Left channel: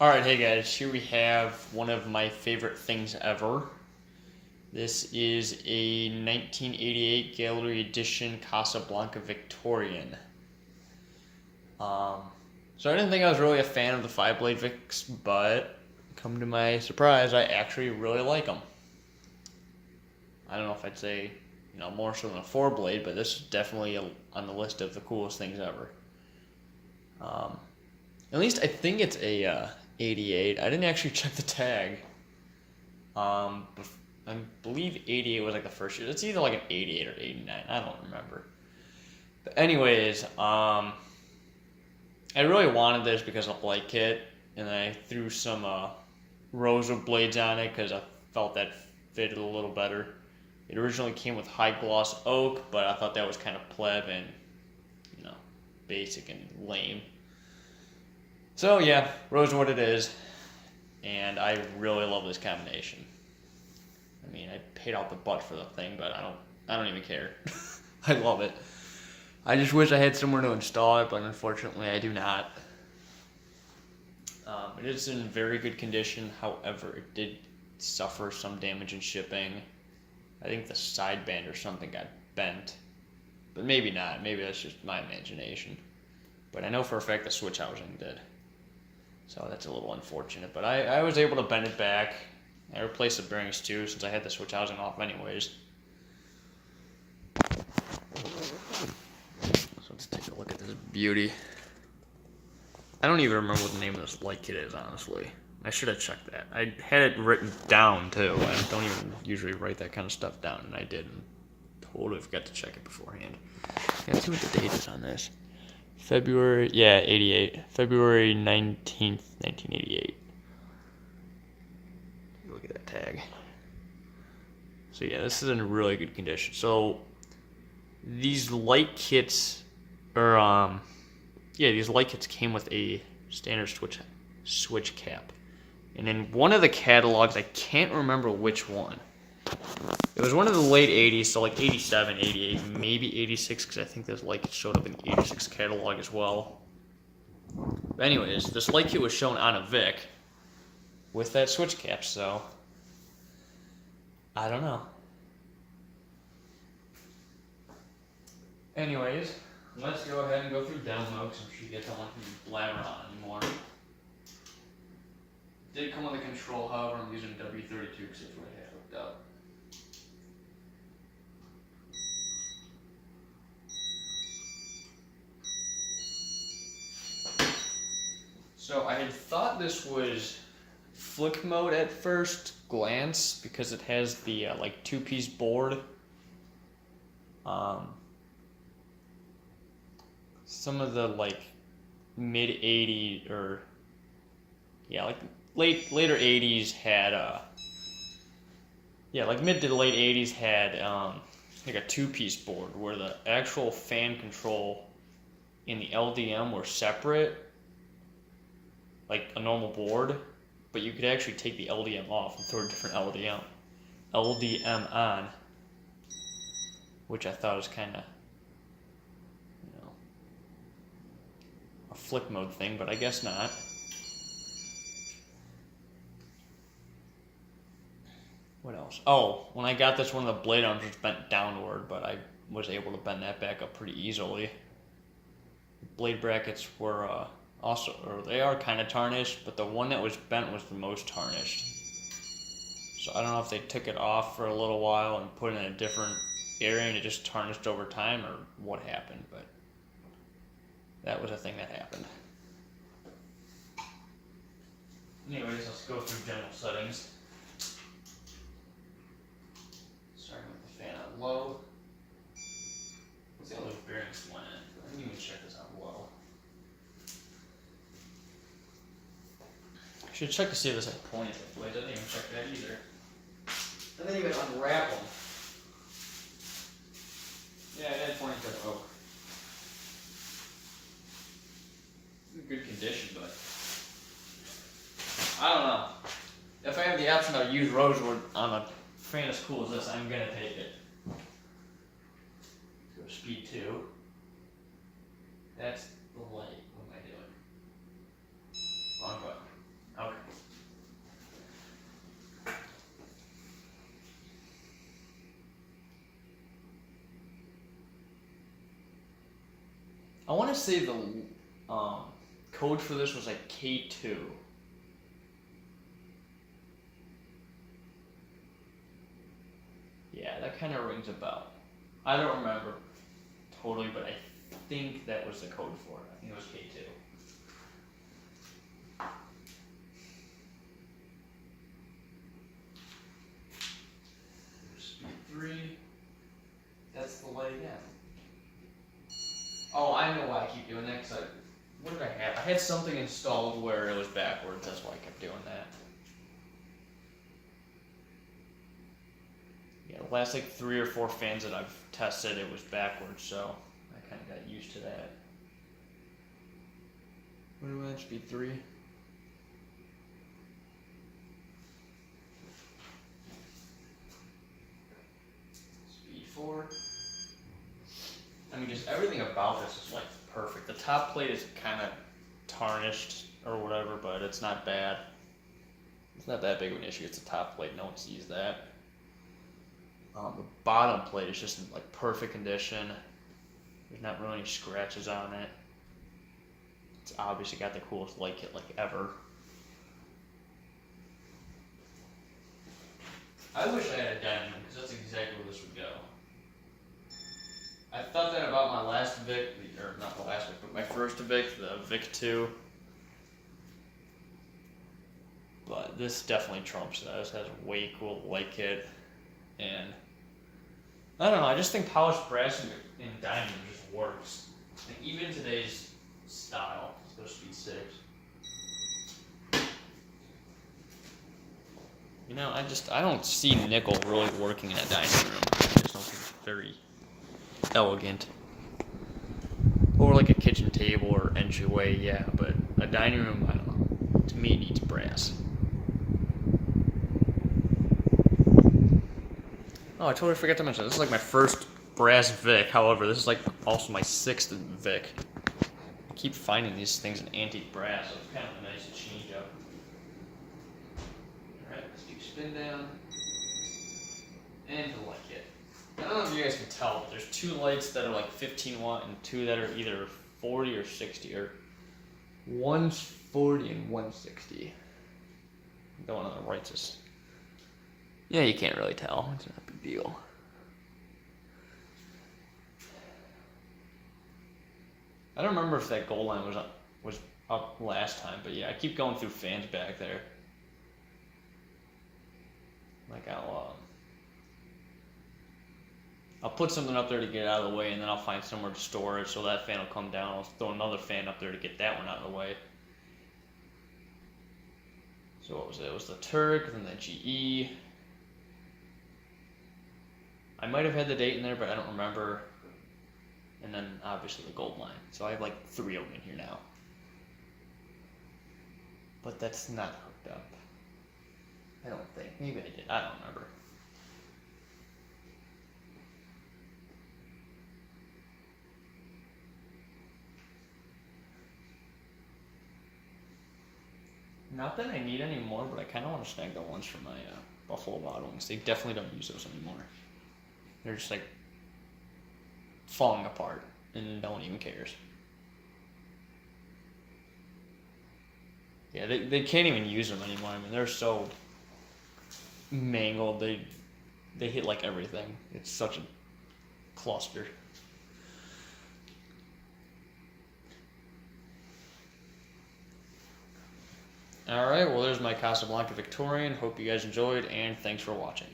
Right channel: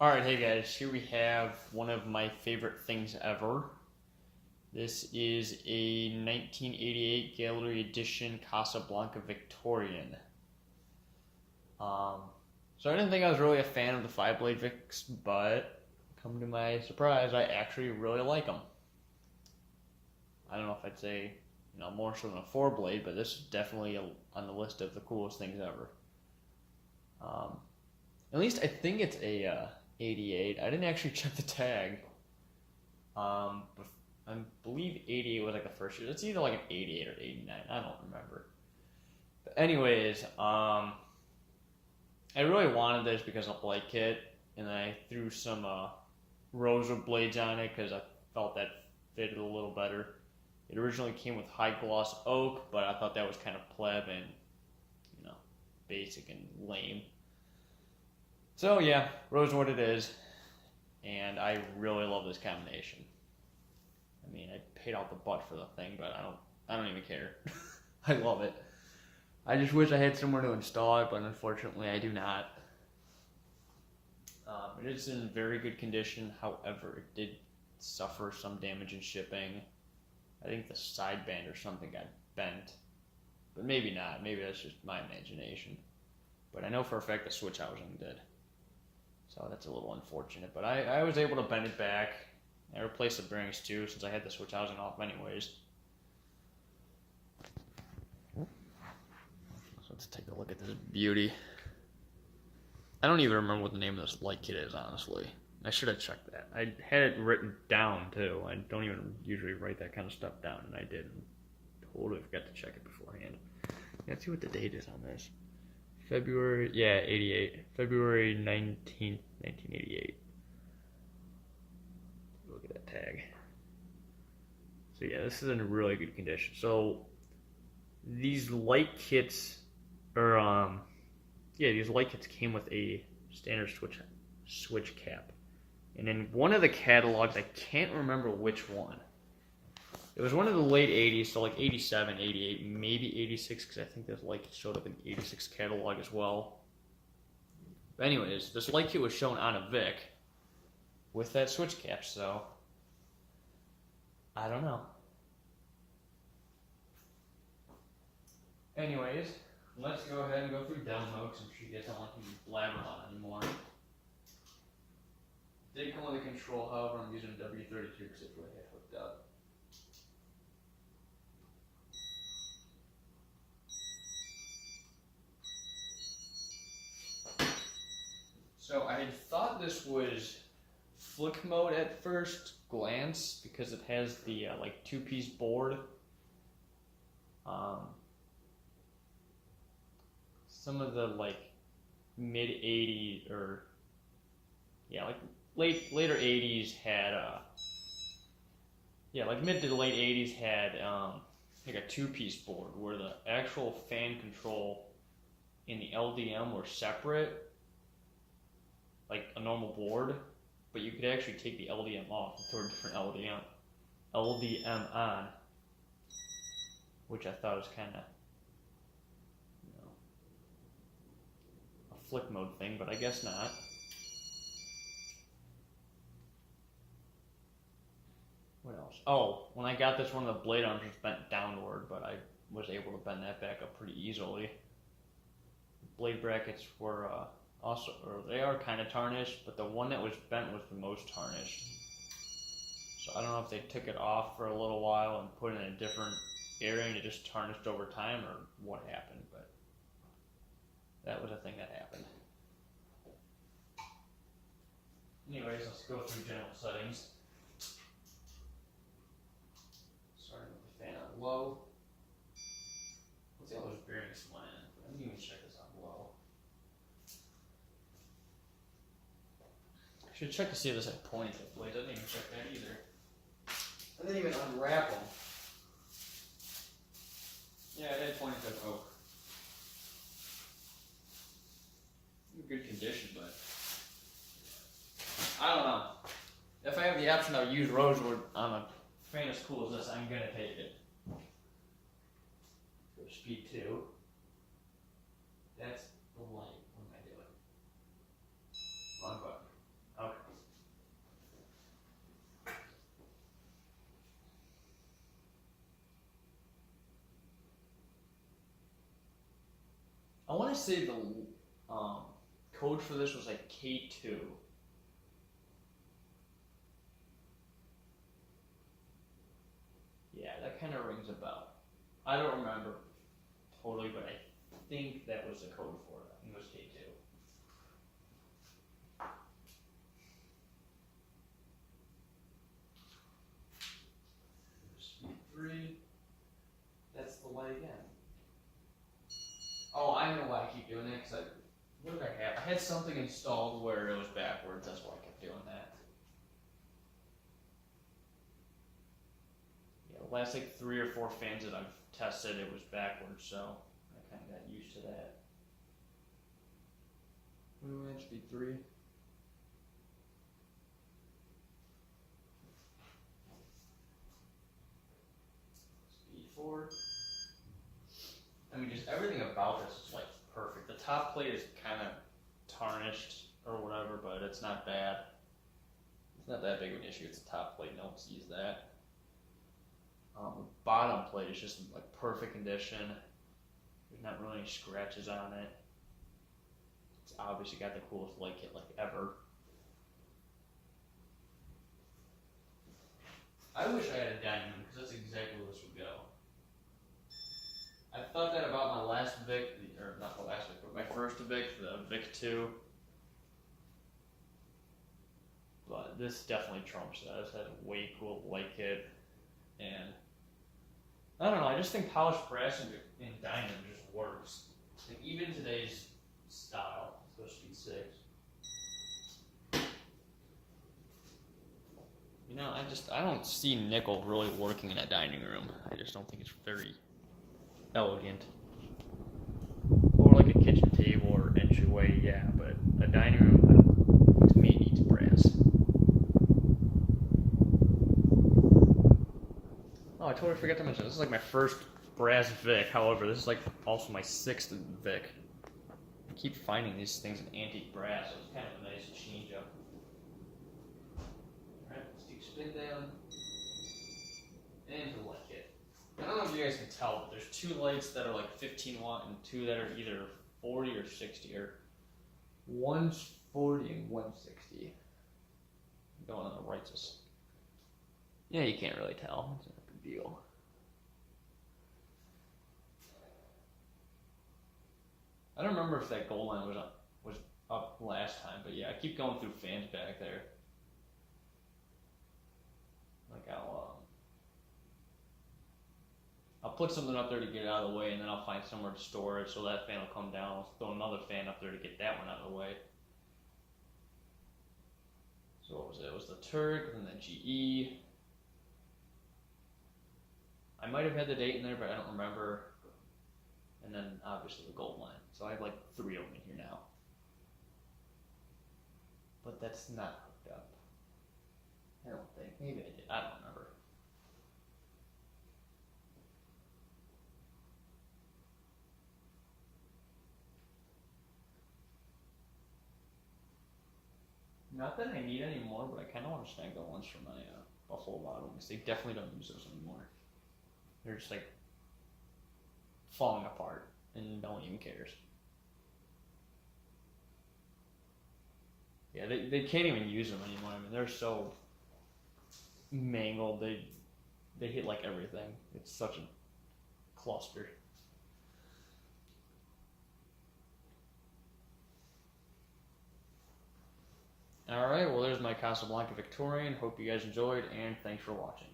Alright, hey guys, here we have one of my favorite things ever. This is a 1988 Gallery Edition Casablanca Victorian. So I didn't think I was really a fan of the 5-blade Vics, but come to my surprise, I actually really like them. I don't know if I'd say, more so than a 4-blade, but this is definitely on the list of the coolest things ever. At least I think it's a 88. I didn't actually check the tag. I believe 88 was like the first year. It's either like an 88 or 89. I don't remember. But anyways, I really wanted this because I like it, and I threw some rosewood blades on it because I felt that fitted a little better. It originally came with high gloss oak, but I thought that was kind of pleb and basic and lame. So yeah, rosewood it is, and I really love this combination. I mean, I paid out the butt for the thing, but I don't even care. I love it. I just wish I had somewhere to install it, but unfortunately I do not. It is in very good condition. However, it did suffer some damage in shipping. I think the sideband or something got bent, but maybe not. Maybe that's just my imagination. But I know for a fact the switch housing did. So that's a little unfortunate, but I was able to bend it back. I replaced the bearings too, since I had the switch housing off anyways. So let's take a look at this beauty. I don't even remember what the name of this light kit is, honestly. I should have checked that. I had it written down too. I don't even usually write that kind of stuff down, and I didn't. Totally forgot to check it beforehand. Yeah, let's see what the date is on this. February, 88. February 19th, 1988. Look at that tag. So yeah, this is in really good condition. So these light kits, these light kits came with a standard switch cap. And in one of the catalogs, I can't remember which one. It was one of the late 80s, so like 87, 88, maybe 86, because I think this light kit showed up in the 86 catalog as well. But anyways, this light kit was shown on a Vic with that switch cap, so I don't know. Anyways, let's go ahead and go through demo, because I'm sure you guys don't like me blabber on anymore. It did come with a control, however, I'm using W32 because it's what I had hooked up. So I had thought this was flick mode at first glance because it has the like 2-piece board. Some of the like mid 80s or like later 80s had like mid to late 80s had like a 2-piece board where the actual fan control and the LDM were separate, like a normal board, but you could actually take the LDM off and throw a different LDM on, which I thought was kind of, a flick mode thing, but I guess not. What else? Oh, when I got this one, the blade arms was bent downward, but I was able to bend that back up pretty easily. Blade brackets were they are kind of tarnished, but the one that was bent was the most tarnished. So I don't know if they took it off for a little while and put it in a different area and it just tarnished over time or what happened, but that was a thing that happened. Anyways, let's go through general settings. Starting with the fan on low. Let's see how those bearings went in. I didn't even check this out low. I should check to see if this had points at blades. I didn't even check that either. I didn't even unwrap them. Yeah, it had points at oak. Good condition, but I don't know. If I have the option to use rosewood on a fan as cool as this, I'm gonna take it. Let's go speed 2. That's the light. What am I doing? Wrong button. I want to say the code for this was like K2. Yeah, that kind of rings a bell. I don't remember totally, but I think that was the code for it. I think it was K2. Speed 3. That's the light again. Oh, I know why I keep doing that, because what did I have? I had something installed where it was backwards, that's why I kept doing that. Yeah, the last like 3 or 4 fans that I've tested, it was backwards, so I kind of got used to that. What do I have? Speed 3? Speed 4? I mean, just everything about this is like perfect. The top plate is kind of tarnished or whatever, but it's not bad. It's not that big of an issue. It's a top plate. No one sees that. The bottom plate is just in like perfect condition. There's not really any scratches on it. It's obviously got the coolest light kit like ever. I wish I had a diamond because that's exactly where this would go. I thought that about my last Vic, or not the last Vic, but my first Vic, the Vic 2. But this definitely trumps that. This has a way cool light kit, and I don't know. I just think polished brass in diamond just works. Like, even in today's style. Let's go speed 6. You know, I don't see nickel really working in a dining room. I just don't think it's very elegant. Or like a kitchen table or entryway, yeah, but a dining room, I don't know. To me, it needs brass. Oh, I totally forgot to mention, this is like my first brass Vic. However, this is like also my 6th Vic. I keep finding these things in antique brass, so it's kind of a nice change up. Alright, let's do spin down. And the light kit. I don't know if you guys can tell, but there's 2 lights that are like 15 watt and 2 that are either 40 or 60, or one's 40 and one's 60. The one on the right's just, yeah, you can't really tell. It's not a big deal. I don't remember if that gold line was up last time, but yeah, I keep going through fans back there. Like I'll put something up there to get it out of the way, and then I'll find somewhere to store it, so that fan will come down. I'll throw another fan up there to get that one out of the way. So what was it? It was the Turk, then the GE. I might have had the date in there, but I don't remember. And then obviously the gold line. So I have like 3 of them in here now. But that's not hooked up. I don't think. Maybe I did. I don't remember. Not that I need any more, but I kind of want to snag the ones from my Buffalo Wild Wings. They definitely don't use those anymore. They're just like falling apart, and no one even cares. Yeah, they can't even use them anymore. I mean, they're so mangled. They hit like everything. It's such a cluster. Alright, well there's my Casablanca Victorian. Hope you guys enjoyed, and thanks for watching.